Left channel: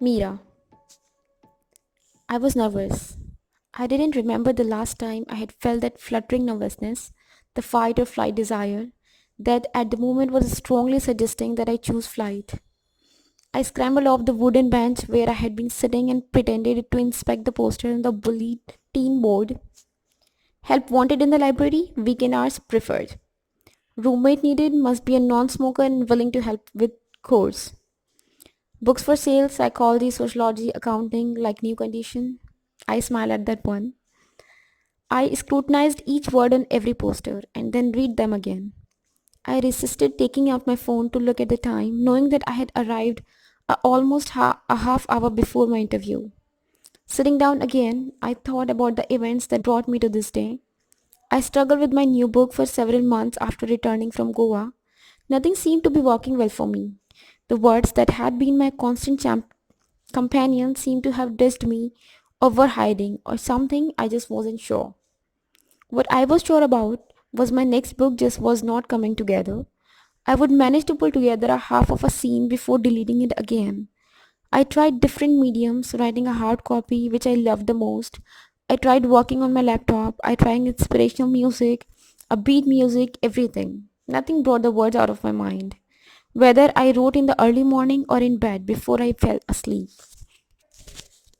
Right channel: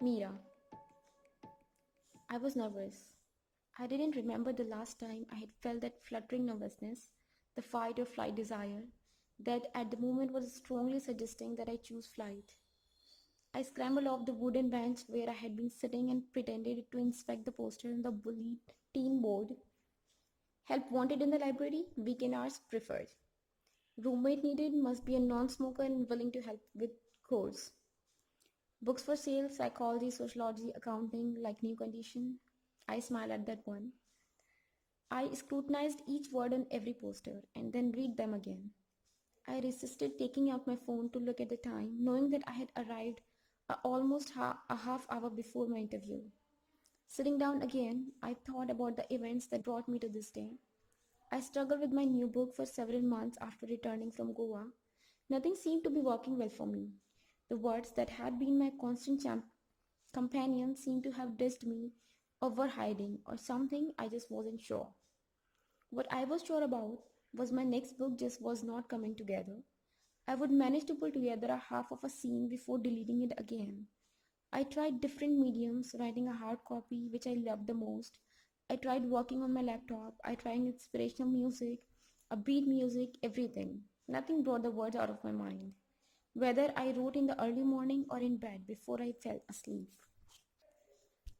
MEERA. I was nervous. I didn't remember the last time I had felt that fluttering nervousness, the fight or flight desire, that at the moment was strongly suggesting that I choose flight. I scrambled off the wooden bench where I had been sitting and pretended to inspect the poster on the bulletin board. Help wanted in the library, weekend hours preferred. Roommate needed must be a non-smoker and willing to help with chores. Books for sale, psychology, sociology, accounting, like new condition. I smiled at that one. I scrutinized each word on every poster and then read them again. I resisted taking out my phone to look at the time, knowing that I had arrived almost a half hour before my interview. Sitting down again, I thought about the events that brought me to this day. I struggled with my new book for several months after returning from Goa. Nothing seemed to be working well for me. The words that had been my constant companion seemed to have dissed me or were hiding or something. I just wasn't sure. What I was sure about was my next book just was not coming together. I would manage to pull together a half of a scene before deleting it again. I tried different mediums, writing a hard copy, which I loved the most. I tried working on my laptop. I tried inspirational music, a beat music, everything. Nothing brought the words out of my mind. Whether I wrote in the early morning or in bed before I fell asleep.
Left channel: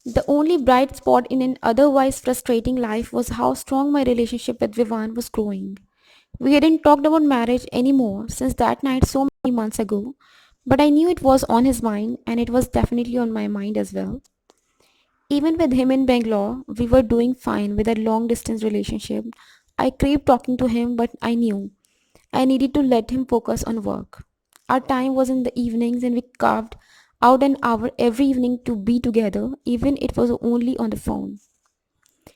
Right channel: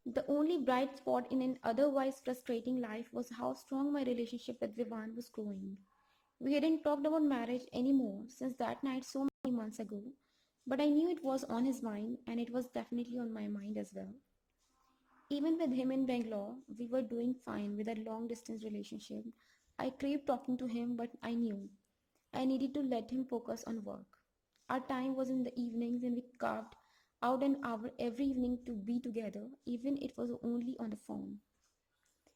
The only bright spot in an otherwise frustrating life was how strong my relationship with Vivan was growing. We hadn't talked about marriage anymore since that night so many months ago, but I knew it was on his mind and it was definitely on my mind as well. Even with him in Bangalore, we were doing fine with a long distance relationship. I craved talking to him, but I knew I needed to let him focus on work. Our time was in the evenings and we carved out an hour every evening to be together, even it was only on the phone.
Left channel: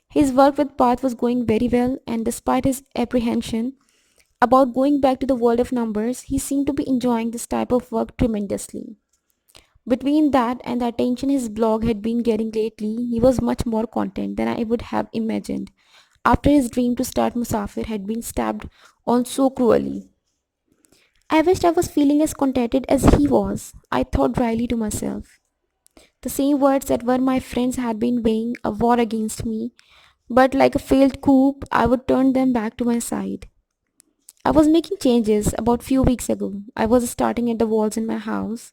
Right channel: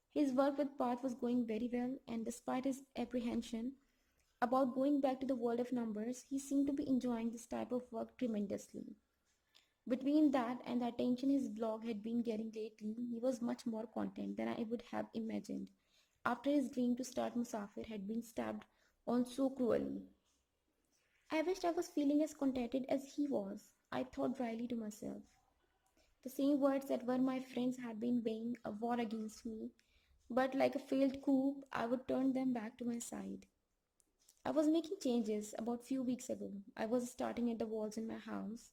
His work with Path was going very well, and despite his apprehension about going back to the world of numbers, he seemed to be enjoying this type of work tremendously. Between that and the attention his blog had been getting lately, he was much more content than I would have imagined after his dream to start Musafir had been stabbed on so cruelly. I wished I was feeling as contented as he was, I thought dryly to myself. The same words that were my friends had been weighing a war against me, but like a failed coup, I would turn them back to my side. I was making changes about few weeks ago. I was starting at the walls in my house,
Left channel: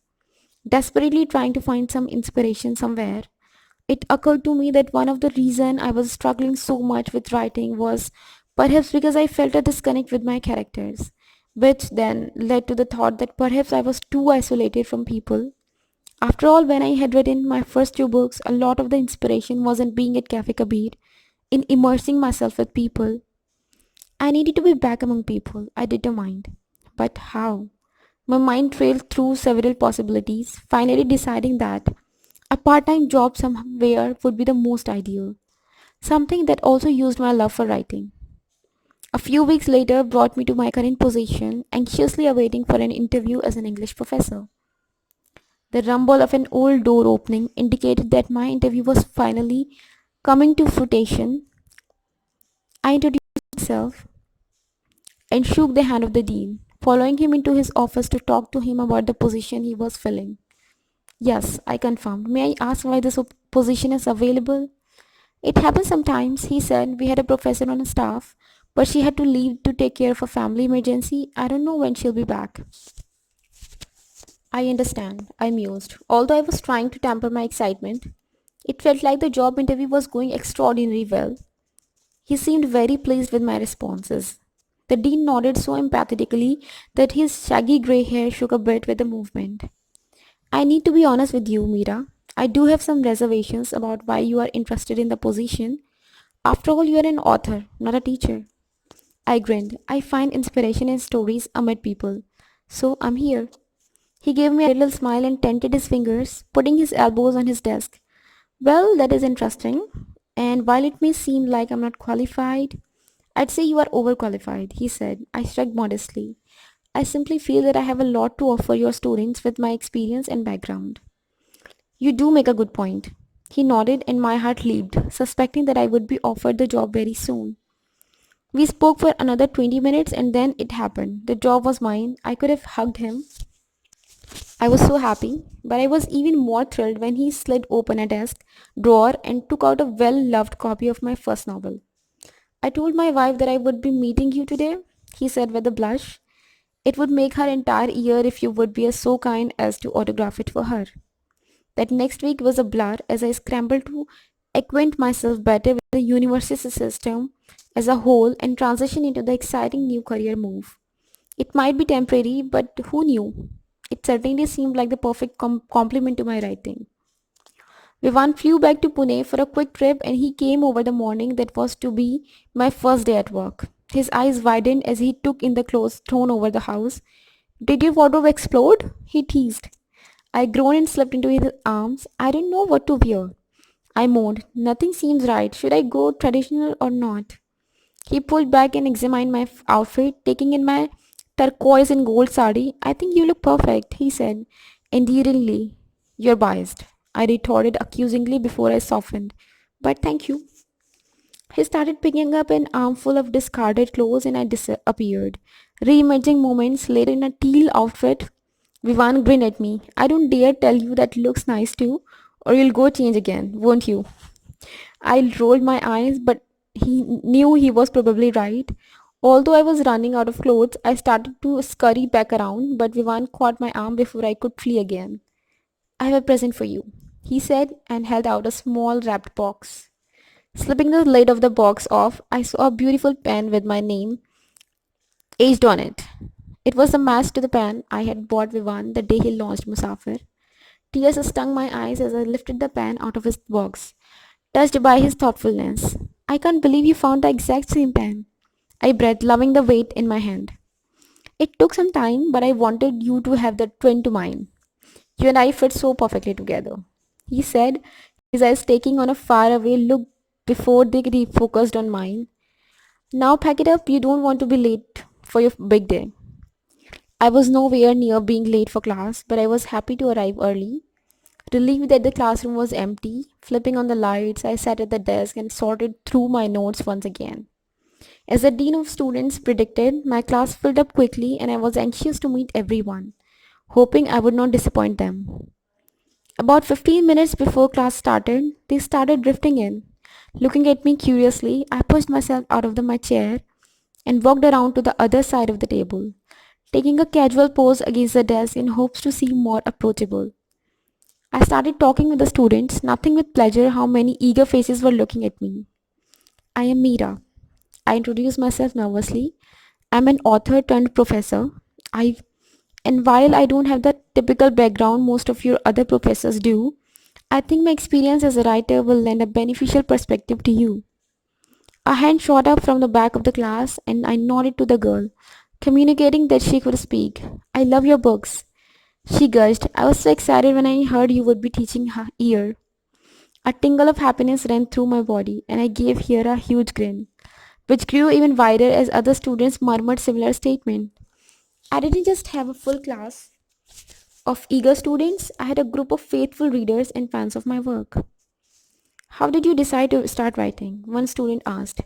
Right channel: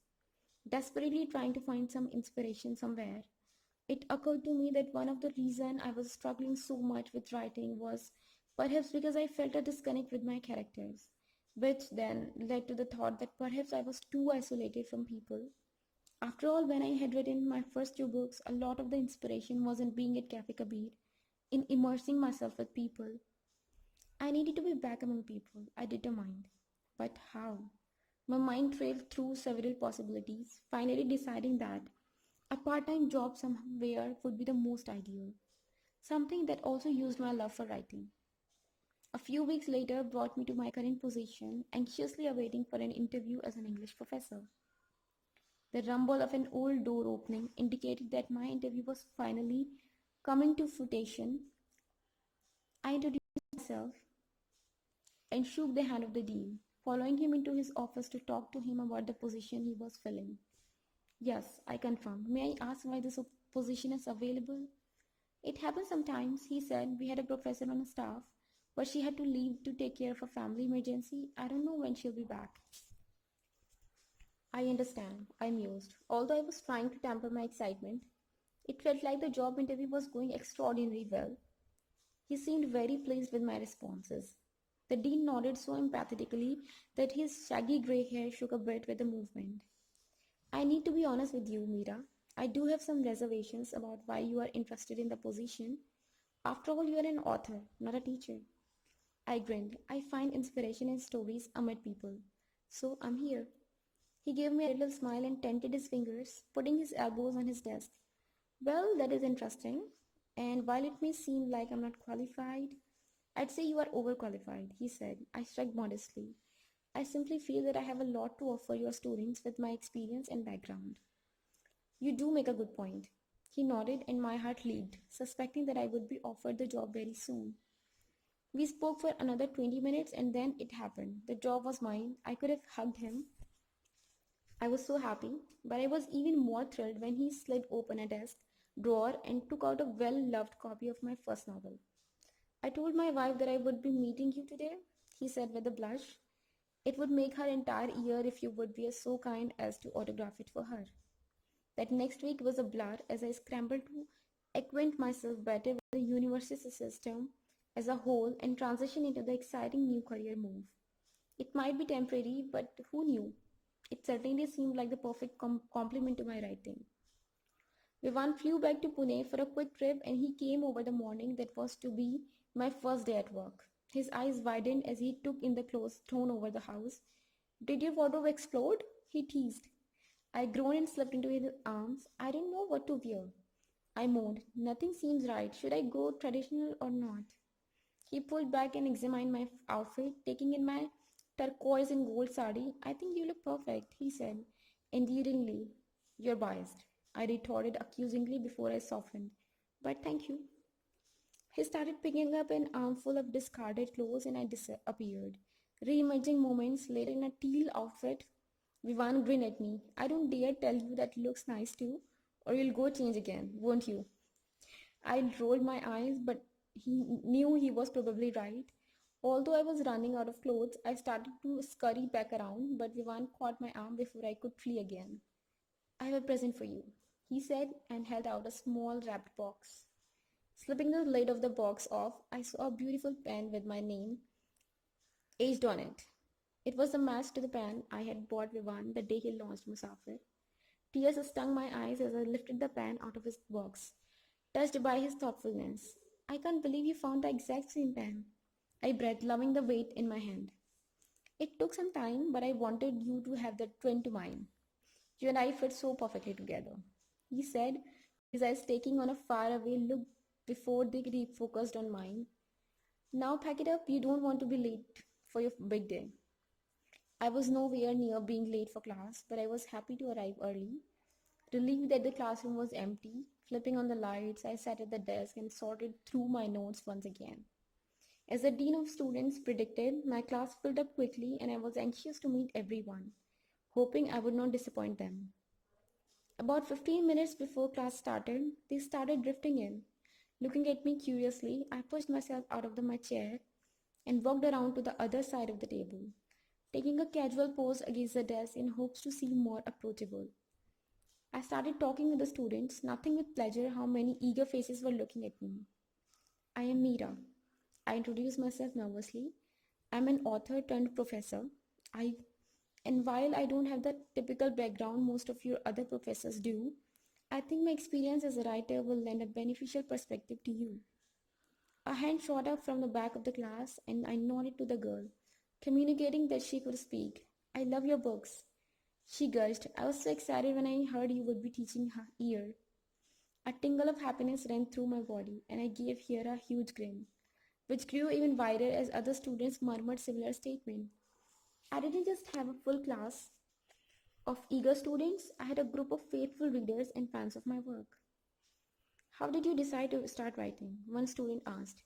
desperately trying to find some inspiration somewhere. It occurred to me that one of the reason I was struggling so much with writing was perhaps because I felt a disconnect with my characters, which then led to the thought that perhaps I was too isolated from people. After all, when I had written my first two books, a lot of the inspiration wasn't being at Cafe Kabir, in immersing myself with people. I needed to be back among people, I determined. But how? My mind trailed through several possibilities, finally deciding that a part-time job somewhere would be the most ideal. Something that also used my love for writing. A few weeks later brought me to my current position, anxiously awaiting for an interview as an English professor. The rumble of an old door opening indicated that my interview was finally coming to fruition. I introduced myself and shook the hand of the dean, following him into his office to talk to him about the position he was filling. Yes, I confirmed. May I ask why this position is available? It happens sometimes, he said. We had a professor on staff, but she had to leave to take care of a family emergency. I don't know when she'll be back. I understand, I mused. Although I was trying to temper my excitement, it felt like the job interview was going extraordinarily well. He seemed very pleased with my responses. The dean nodded so emphatically that his shaggy grey hair shook a bit with the movement. I need to be honest with you, Meera. I do have some reservations about why you are interested in the position. After all, you are an author, not a teacher. I grinned. I find inspiration in stories amid people. So I'm here. He gave me a little smile and tented his fingers, putting his elbows on his desk. Well, that is interesting. And while it may seem like I'm not qualified, I'd say you are overqualified, he said. I shrugged modestly. I simply feel that I have a lot to offer your students with my experience and background. You do make a good point. He nodded and my heart leaped, suspecting that I would be offered the job very soon. We spoke for another 20 minutes and then it happened. The job was mine. I could have hugged him I was so happy, but I was even more thrilled when he slid open a desk drawer and took out a well loved copy of my first novel. I told my wife that I would be meeting you today, he said with a blush. It would make her entire year if you would be so kind as to autograph it for her. That next week was a blur as I scrambled to acquaint myself better with the university system as a whole and transition into the exciting new career move. It might be temporary, but who knew? It certainly seemed like the perfect complement to my writing. Vivan flew back to Pune for a quick trip and he came over the morning that was to be my first day at work. His eyes widened as he took in the clothes thrown over the house. Did your wardrobe explode? He teased. I groaned and slipped into his arms. I didn't know what to wear. I moaned. Nothing seems right. Should I go traditional or not? He pulled back and examined my outfit, taking in my turquoise and gold sari. I think you look perfect, he said, endearingly. You're biased. I retorted accusingly before I softened. But thank you. He started picking up an armful of discarded clothes and I disappeared. Reimagining moments later in a teal outfit, Vivan grinned at me. I don't dare tell you that looks nice too, or you'll go change again, won't you? I rolled my eyes, but he knew he was probably right. Although I was running out of clothes, I started to scurry back around, but Vivan caught my arm before I could flee again. I have a present for you, he said and held out a small wrapped box. Slipping the lid of the box off, I saw a beautiful pen with my name etched on it. It was a match to the pen I had bought Vivan the day he launched Musafir. Tears stung my eyes as I lifted the pen out of his box, touched by his thoughtfulness. I can't believe you found the exact same pen. I breathed, loving the weight in my hand. It took some time, but I wanted you to have the twin to mine. You and I fit so perfectly together, he said, his eyes taking on a faraway look before they refocused on mine. Now pack it up, you don't want to be late for your big day. I was nowhere near being late for class, but I was happy to arrive early. Relieved that the classroom was empty, flipping on the lights, I sat at the desk and sorted through my notes once again. As the dean of students predicted, my class filled up quickly and I was anxious to meet everyone, hoping I would not disappoint them. About 15 minutes before class started, they started drifting in. Looking at me curiously, I pushed myself out of my chair and walked around to the other side of the table, taking a casual pose against the desk in hopes to seem more approachable. I started talking with the students, nothing with pleasure how many eager faces were looking at me. I am Meera. I introduced myself nervously. I'm an author turned professor. I and while I don't have the typical background most of your other professors do, I think my experience as a writer will lend a beneficial perspective to you. A hand shot up from the back of the class and I nodded to the girl, communicating that she could speak. I love your books. She gushed. I was so excited when I heard you would be teaching her here. A tingle of happiness ran through my body, and I gave her a huge grin, which grew even wider as other students murmured similar statements. I didn't just have a full class of eager students, I had a group of faithful readers and fans of my work. How did you decide to start writing? One student asked,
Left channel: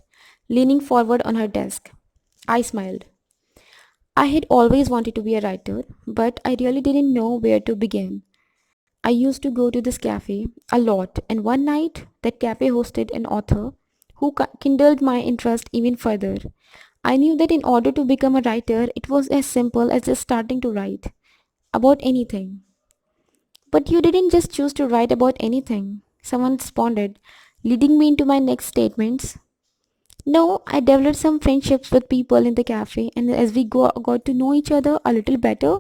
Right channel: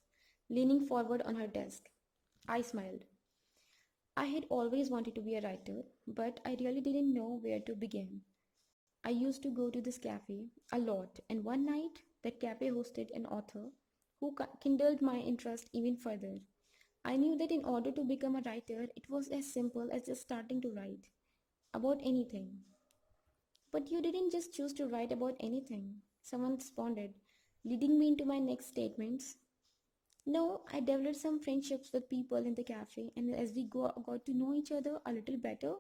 leaning forward on her desk. I smiled. I had always wanted to be a writer, but I really didn't know where to begin. I used to go to this cafe a lot, and one night that cafe hosted an author who kindled my interest even further. I knew that in order to become a writer, it was as simple as just starting to write about anything. But you didn't just choose to write about anything, someone responded, leading me into my next statements. No, I developed some friendships with people in the cafe, and as we got to know each other a little better,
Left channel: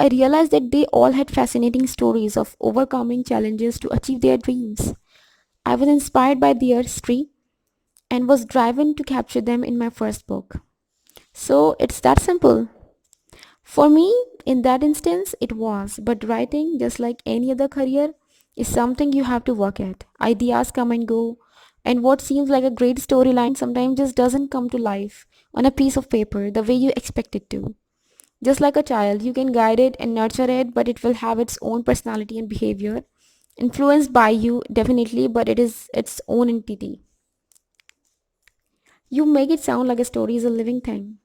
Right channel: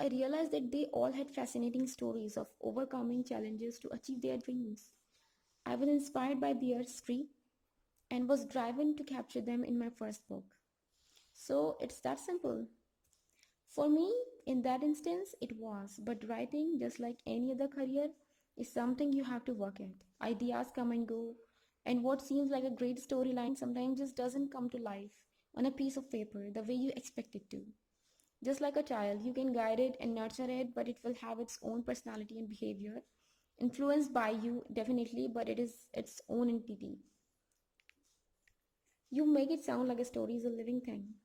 I realized that they all had fascinating stories of overcoming challenges to achieve their dreams. I was inspired by their history and was driven to capture them in my first book. So it's that simple. For me, in that instance, it was, but writing, just like any other career, is something you have to work at. Ideas come and go, and what seems like a great storyline sometimes just doesn't come to life on a piece of paper the way you expect it to. Just like a child, you can guide it and nurture it, but it will have its own personality and behavior, influenced by you definitely, but it is its own entity. You make it sound like a story is a living thing.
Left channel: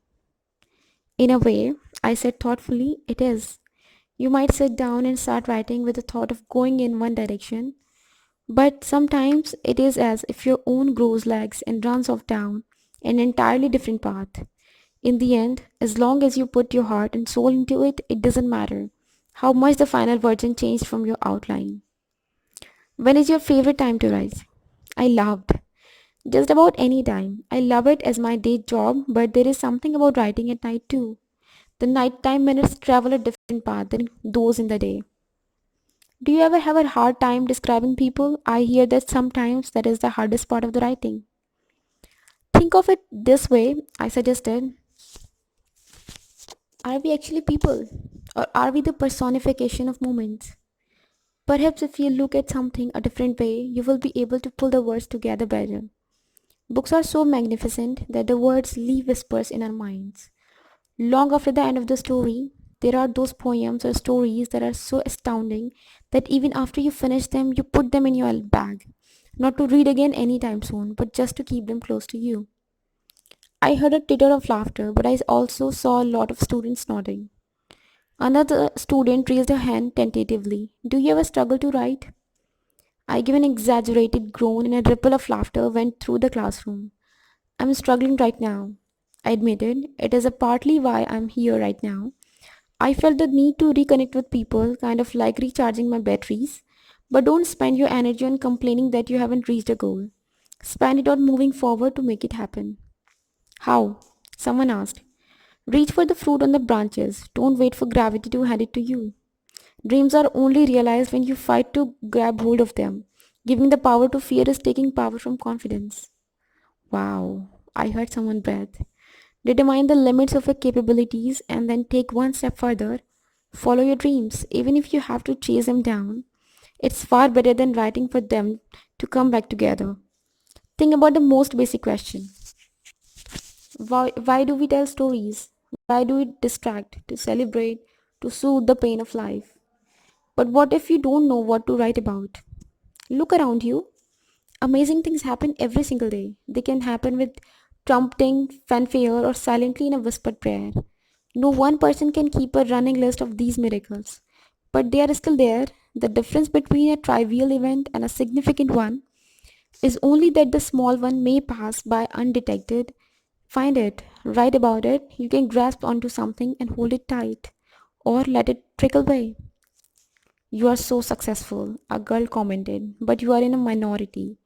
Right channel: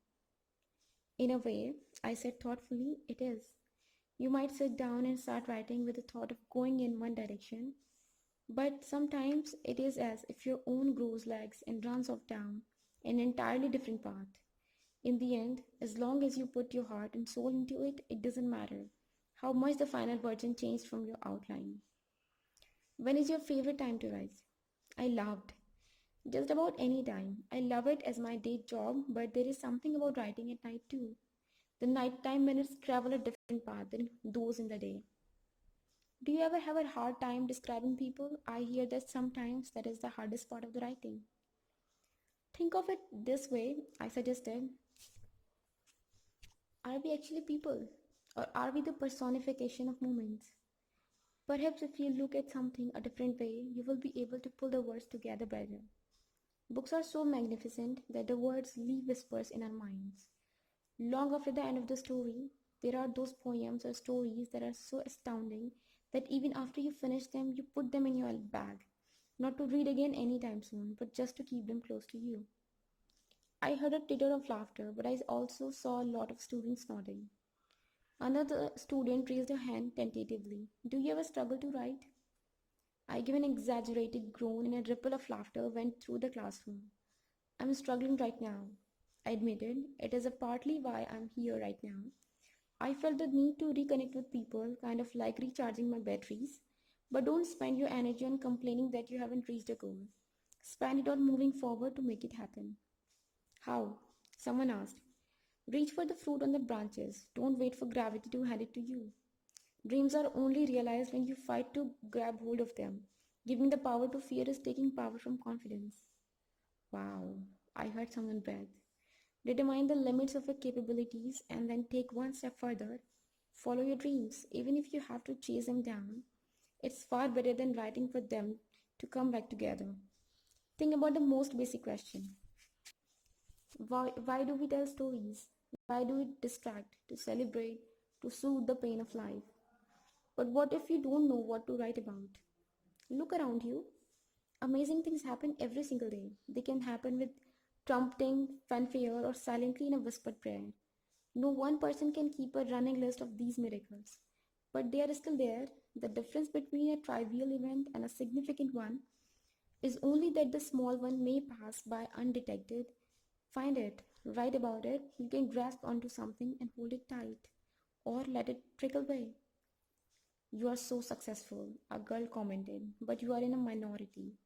In a way, I said thoughtfully, it is. You might sit down and start writing with the thought of going in one direction, but sometimes it is as if your own grows legs and runs off down an entirely different path. In the end, as long as you put your heart and soul into it, it doesn't matter how much the final version changed from your outline. When is your favorite time to write? I loved. Just about any time. I love it as my day job, but there is something about writing at night too. The nighttime minutes travel a different path than those in the day. Do you ever have a hard time describing people? I hear that sometimes that is the hardest part of the writing. Think of it this way, I suggested. Are we actually people? Or are we the personification of moments? Perhaps if you look at something a different way, you will be able to pull the words together better. Books are so magnificent that the words leave whispers in our minds. Long after the end of the story, there are those poems or stories that are so astounding that even after you finish them, you put them in your bag. Not to read again anytime soon, but just to keep them close to you. I heard a titter of laughter, but I also saw a lot of students nodding. Another student raised her hand tentatively. Do you ever struggle to write? I gave an exaggerated groan and a ripple of laughter went through the classroom. I'm struggling right now. I admitted. It is a partly why I'm here right now. I felt the need to reconnect with people, kind of like recharging my batteries. But don't spend your energy on complaining that you haven't reached a goal. Spend it on moving forward to make it happen. How? Someone asked. Reach for the fruit on the branches. Don't wait for gravity to hand it to you. Dreams are only realized when you fight to grab hold of them. Giving the power to fear is taking power from confidence. Wow, I heard someone breath. Determine the limits of your capabilities and then take one step further. Follow your dreams, even if you have to chase them down. It's far better than writing for them to come back together. Think about the most basic question. Why do we tell stories? Why do we distract, to celebrate, to soothe the pain of life? But what if you don't know what to write about? Look around you. Amazing things happen every single day. They can happen with trumpeting, fanfare, or silently in a whispered prayer. No one person can keep a running list of these miracles, but they are still there. The difference between a trivial event and a significant one is only that the small one may pass by undetected. Find it, write about it, you can grasp onto something and hold it tight, or let it trickle away. You are so successful, a girl commented, but you are in a minority.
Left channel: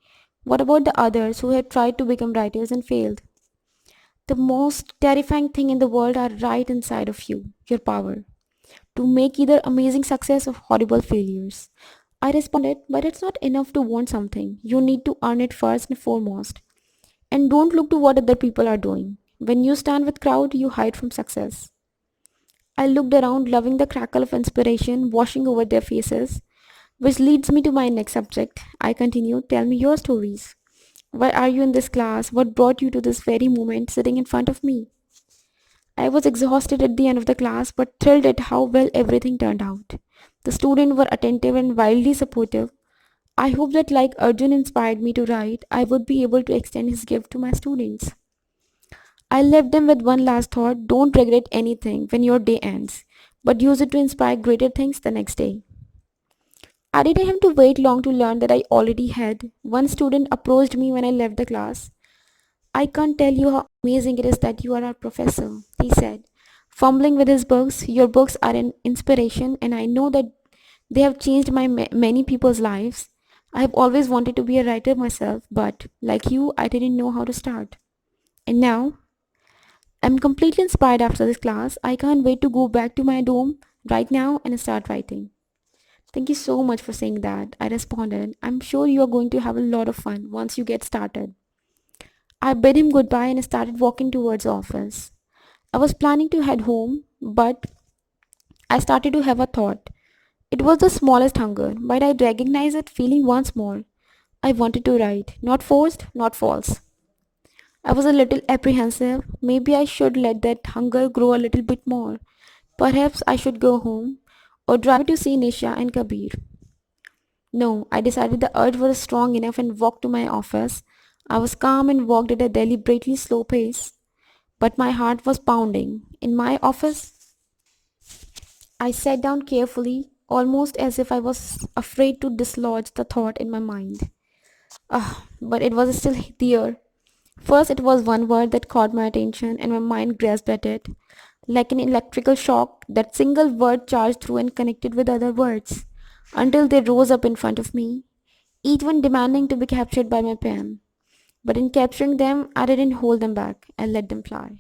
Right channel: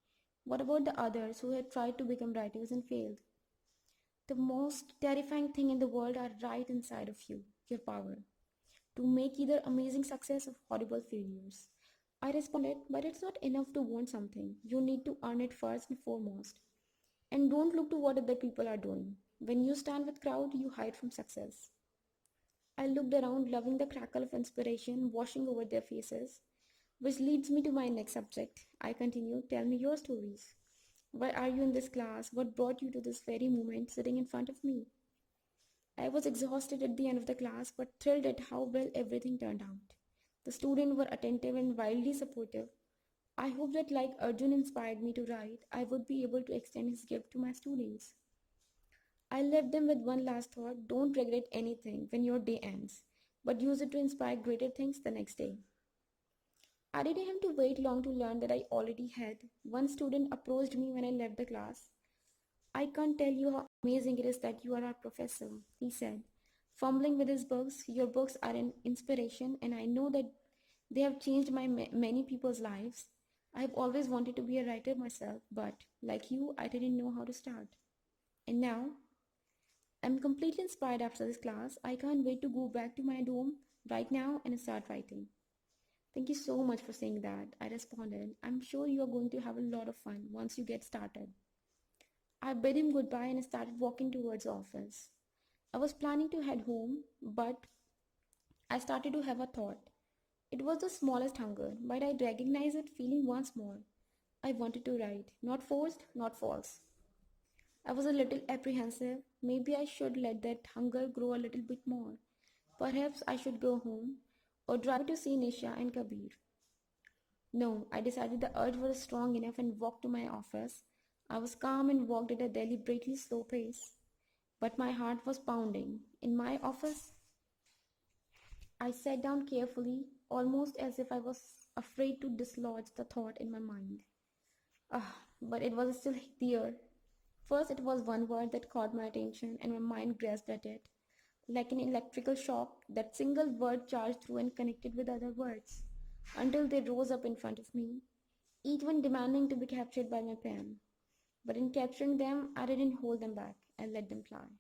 What about the others who have tried to become writers and failed? The most terrifying thing in the world are right inside of you, your power, to make either amazing success or horrible failures. I responded, but it's not enough to want something. You need to earn it first and foremost. And don't look to what other people are doing. When you stand with crowd, you hide from success. I looked around, loving the crackle of inspiration washing over their faces, which leads me to my next subject. I continued, tell me your stories. Why are you in this class? What brought you to this very moment sitting in front of me? I was exhausted at the end of the class, but thrilled at how well everything turned out. The students were attentive and wildly supportive. I hope that, like Arjun inspired me to write, I would be able to extend his gift to my students. I left them with one last thought: don't regret anything when your day ends, but use it to inspire greater things the next day. I didn't have to wait long to learn that I already had. One student approached me when I left the class. I can't tell you how amazing it is that you are our professor, he said, fumbling with his books. Your books are an inspiration, and I know that they have changed many people's lives. I have always wanted to be a writer myself, but like you, I didn't know how to start. And now, I'm completely inspired after this class. I can't wait to go back to my dorm right now and start writing. Thank you so much for saying that. I responded, I'm sure you are going to have a lot of fun once you get started. I bid him goodbye and started walking towards the office. I was planning to head home, but I started to have a thought. It was the smallest hunger, but I recognized it feeling once more. I wanted to write, not forced, not false. I was a little apprehensive. Maybe I should let that hunger grow a little bit more. Perhaps I should go home or drive to see Nisha and Kabir. No, I decided the urge was strong enough and walked to my office. I was calm and walked at a deliberately slow pace, but my heart was pounding. In my office, I sat down carefully, almost as if I was afraid to dislodge the thought in my mind. But it was still there. First, it was one word that caught my attention, and my mind grasped at it. Like an electrical shock, that single word charged through and connected with other words until they rose up in front of me, each one demanding to be captured by my pen. But in capturing them, I didn't hold them back. I let them fly.